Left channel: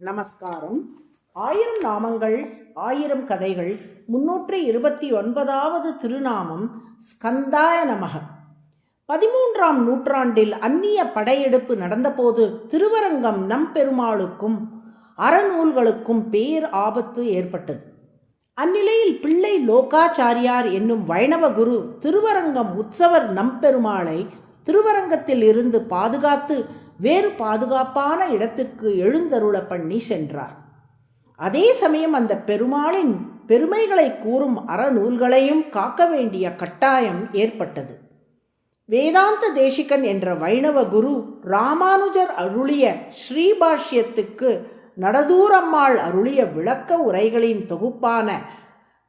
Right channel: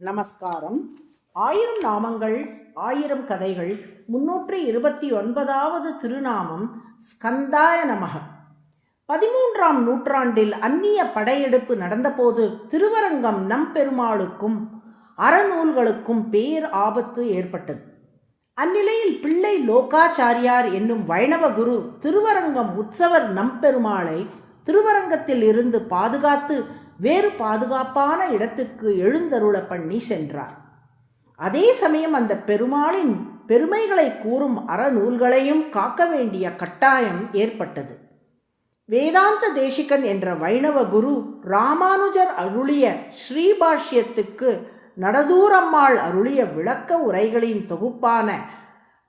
நமஸ்காரம். 1000 நாமங்கள் 1000 கதைகள் 329வது திருநாமம் ஸ்கந்தாய நமக. 13ஆம் நூற்றாண்டில் அந்நிய படையெடுப்பு நடந்தபோது திருவரங்கம் நம்பெருமாளுக்கும் அறநூல்களுக்கும் பேர் ஆபத்து ஏற்பட்டது. அந்நிலையில் பிள்ளை லோகாச்சாரியார் என்னும் வைணவ குரு திருவரங்கம் உற்சவர் நம்பெருமாளை திருவரங்கத்தில் இருந்து பாதுகாத்து வேறு பாதுகாப்பான இடத்துக்கு எழுந்தருள பண்ணி சென்றார். அதே சமயம் அந்த பெருமாளின் பெருமைகளை கூறும் அறநூல்களையும் காக்க வேண்டிய கட்டாயம் ஏற்பட்டது. வேதாந்த தேசிகன் என்ற வைணவ குரு ராமானுஜர் அருளிய ஸ்ரீபாஷ்யத்துக்கு நடதூரம்மாள் அருளிய விளக்க உரைகளின் தொகுப்பான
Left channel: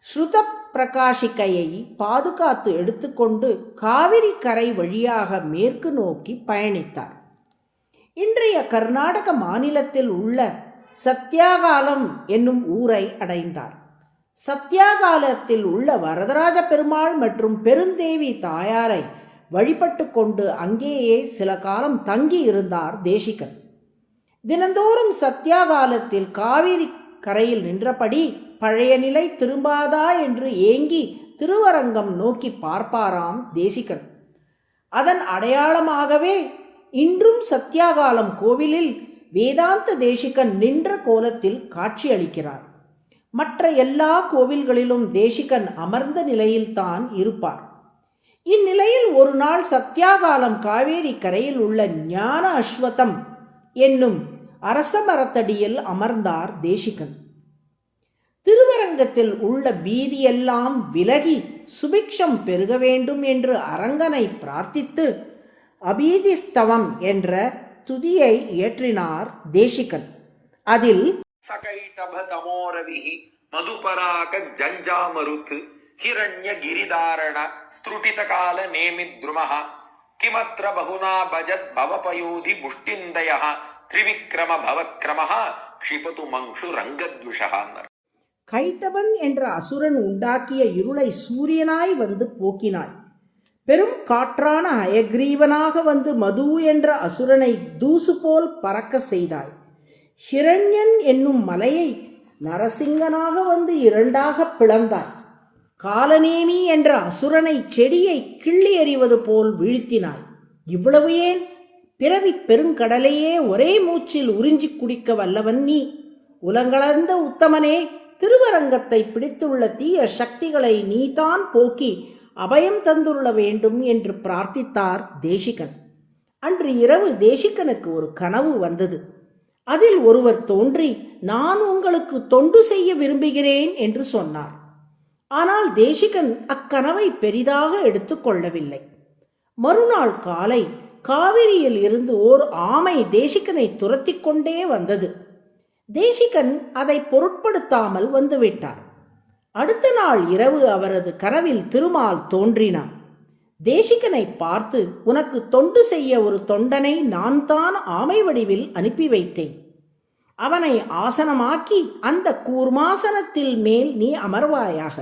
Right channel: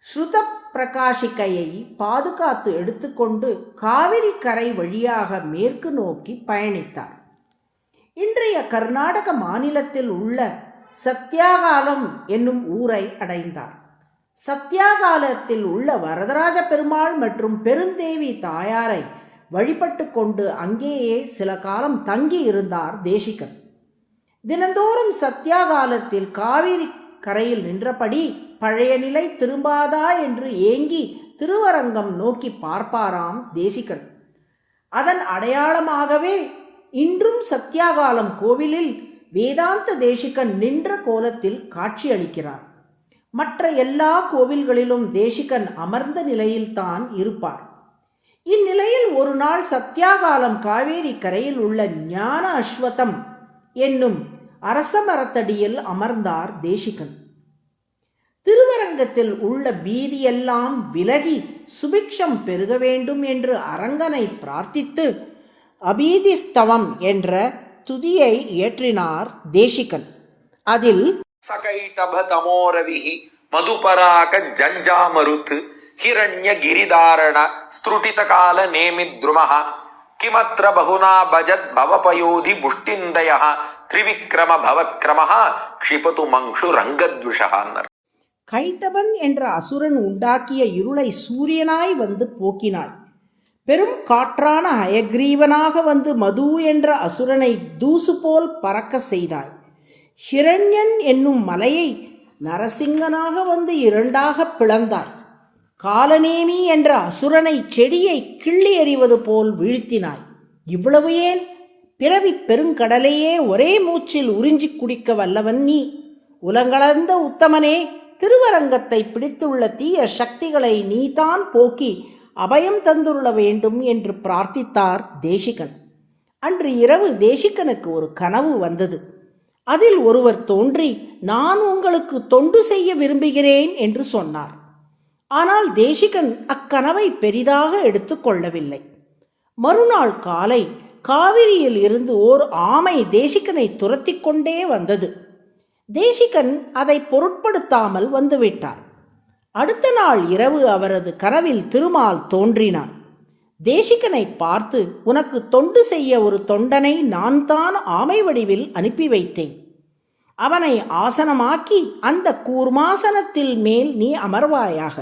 ஸ்ருத பிரகாஷிகையை பாதுகாத்து எடுத்துக்கொண்டு காவிரி கரை வழியாக மேற்கு நோக்கி பயணித்தார். இன்றைய கர்நாடக மாநிலத்தில் உள்ள சத்யாகாலம் என்னும் ஊரை அடைந்தார். சத்யாகாலத்தில் உள்ள வரதராஜ பெருமாள் மற்றும் பெருந்தேவி தாயாரை வழிபட்டு கொண்டு அங்கேயே சில காலம் தங்கி இருந்தார் தேசிகன். தினந்தோறும் சத்யாகாலத்தில் காவிரி கரையில் நின்றபடி பழைய நிலை திரும்பாதா என்று ஏங்கி திருவரங்கம் நோக்கி பார்ப்பாராம் தேசிகன். அதன் அடையாளமாகவே இன்றும் சத்யாகாலம் கோவிலில் வேதாந்த தேசிகன் நின்ற கோலத்தில் காட்சியளிக்கிறார். மற்ற எல்லா கோவில்களிலும் தேசிகன் அமர்ந்த நிலையில்தான் இருப்பார். இந்நிலையில் ஒரு நாள் சத்யாகாலம் காவேரி கரையில் உள்ள ஞான அஸ்வத்தம் என்னும் அரச மரத்தடியில் அமர்ந்தார் தேசிகன். திருவரங்கத்தில் உள்ள பீதியெல்லாம் விலகி சுபிக்ஷம் பெருக வேண்டும் என்று அரங்கனை பிரார்த்தித்து அபீதிஸ்தவம் என்ற துதியை இயற்றினார் தேசிகன். அதில் சகைடபதமோரவிஹி மதுபராக ஜஞ்சாமருத் ஹிரண்ய கிரிதாரண ஸ்துருடித கால நேமித்ருமஹ கிமத்ர பகுனா பஜத் பவபயோதி முஷ்டிந்தயஹ த்ரிவிக்ரம பவக்ரமஹ க்ஷிபது மங்ஷு ரங்கத்விஷஹான்னர். கைட்டபன் என்ற அசுரன் உண்டாக்கிய இருளை சூரியனாய் வந்து போக்கினாய். பெரும் காற்றான அயக்ரீவனாக வந்து மது என்ற அசுரனை தூசு போல் பறக்க செய்தாய். ஹிரண்யன் என்னும் மலையை நரசிங்கனாக வந்து இரண்டாக பிளந்தாய். காலநேமி என்ற அசுரனை செடியை கிள்ளி எறிவது போல் வீழ்த்தினாய். இவ்வளவு ஏன்? பிறவி பெருங்கடலையே ஒரே மூச்சில் உறிஞ்சி குடிக்க வல்லவன் நீ. உலகளந்த உத்தமனே, திருவரங்கத்தை பிடித்துள்ள தீய சக்திகளை நீதான் போக்கி அபயம் தந்துள்ள வேண்டும் என்று பிரார்த்தித்தார் தேசிகன். அன்று இரவு தேசிகனுக்கு ஒரு கனவு வந்தது. அதில் ஒருவர் தோன்றி, நான் உங்களுக்கு தொண்டு செய்ய விரும்புகிறேன் என்று சொன்னார். ஆனால் தேசிகன் அக்கனவை பெரிதாக எடுத்துக்கொள்ளவில்லை. மறுநாள் காலை காவிரியில் இருந்து ஓர் ஆமை தேசிகனை துரத்தி கொண்டே வந்தது. தேசிகன் அதை பொருட்படுத்தாமல் வந்துவிட்டார். அடுத்த நாள் இரவு அவரது கனவில் திருமால் தோன்றினார். தேசிகனை பார்த்து, உனக்கு தொண்டு செய்ய ஒரு தொண்டனை நான் தான் ஆமை வடிவில் அனுப்பி வைத்தேன். அவனை ஆசனமாக்கி அந்த கூர்மாசனத்தில் மேல் நீ அமர்வாயாக.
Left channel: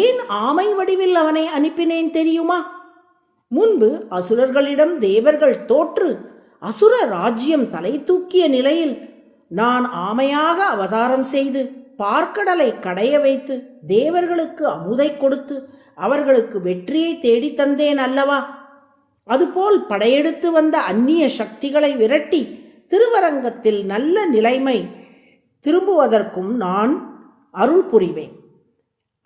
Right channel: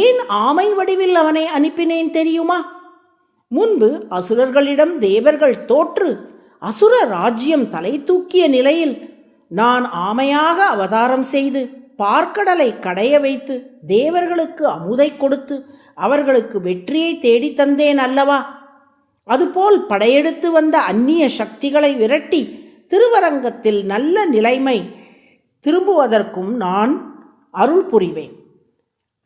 ஏன் ஆமை வடிவில் அவனை அனுப்பினேன் தெரியுமா? முன்பு அசுரர்களிடம் தேவர்கள் தோற்று அசுர ராஜ்யம் தலை தூக்கிய நிலையில் நான் ஆமையாக அவதாரம் செய்து பார்க்கடலை கடைய வைத்து தேவர்களுக்கு அமுதை கொடுத்து அவர்களுக்கு வெற்றியை தேடி தந்தேன் அல்லவா? அதுபோல் படையெடுத்து வந்த அந்நிய சக்திகளை விரட்டி திருவரங்கத்தில் நல்ல நிலைமை திரும்புவதற்கும் நான் அருள் புரிவேன்.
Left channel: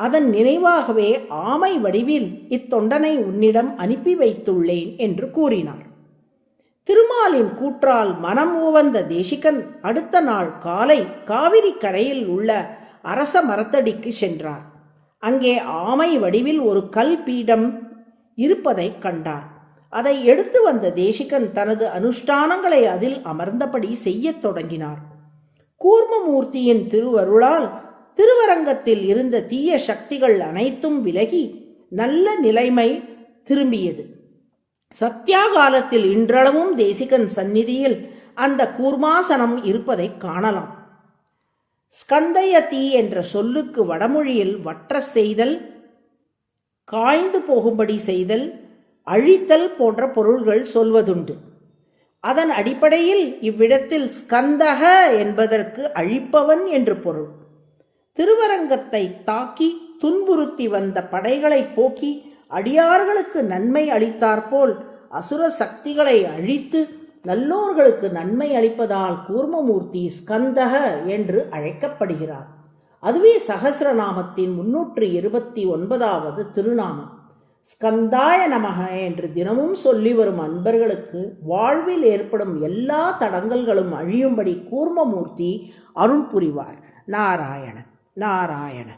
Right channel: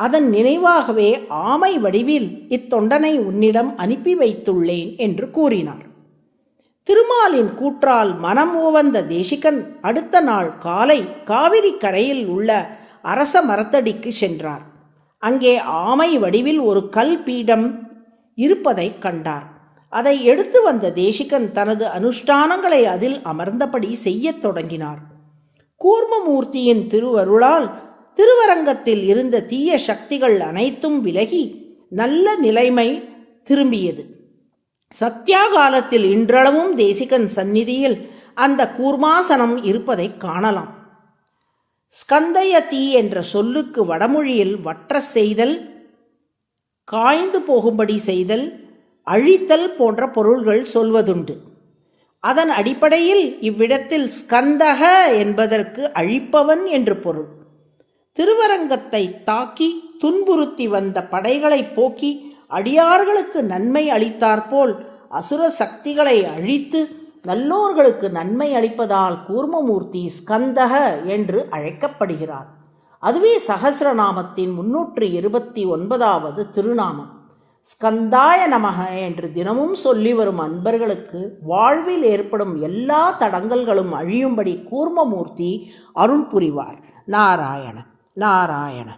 அதன் நினைவாகவே ஆமை வடிவில் இத்தொண்டனை உன்னிடம் அனுப்பி வைத்துள்ளேன் என்று கூறினார். திருமாலின் கூற்றால் மனம் உவந்த தேசிகன் அடுத்த நாள் காலை காவிரி கரையில் உள்ள அரச மரத்தடிக்கு சென்றார். அங்கே ஆமை வடிவில் ஒரு கல் பீடம் இருப்பதை கண்டார். அதை எடுத்து வந்த தேசிகன் தனது அனுஷ்டானங்களை அதில் அமர்ந்தபடி செய்யத் தொடங்கினார். கூர்மமூர்த்தியின் திருவருளால் திருவரங்கத்தில் இருந்த தீய சக்திகள் அனைத்தும் விலகி நல்ல நிலைமை திரும்பியது. சத்யாகாலத்தில் இன்றளவும் தேசிகன் சந்நிதியில் அந்த கூர்மாசனம் இருப்பதை காணலாம். ஸ்கந்தயதி என்ற சொல்லுக்கு வடமொழியில் வற்ற செய்தல், காய்ந்து போகும்படி செய்தல், அழித்தல் போன்ற பொருள்கள் சொல்வதுண்டு. அதன் அடிப்படையில் இவ்விடத்தில் ஸ்கந்தக என்பதற்கு அழிப்பவன் என்று பொருள். திருவரங்கத்தை தாக்கி துன்புறுத்தி வந்த படைகளை போக்கி அடியார்களுக்கு நன்மை அளித்தாற்போல் அசுர சக்திகளை அழித்து நல்லோர்களுக்கு நன்மை அளிப்பதால் கூர்மமூர்த்தி ஸ்கந்தக என்று அழைக்கப்படுகிறார். அதுவே சகசிரநாமத்தின் 329வது திருநாமம். ஸ்கந்தாய நமக என்று தினமும் சொல்லி வரும் அன்பர்களுக்கு வாழ்வில் ஏற்படும் எல்லா தடங்கல்களும் அழியும்படி கூர்மமூர்த்தி அருள் புரிவார். நாராயண நாராயண.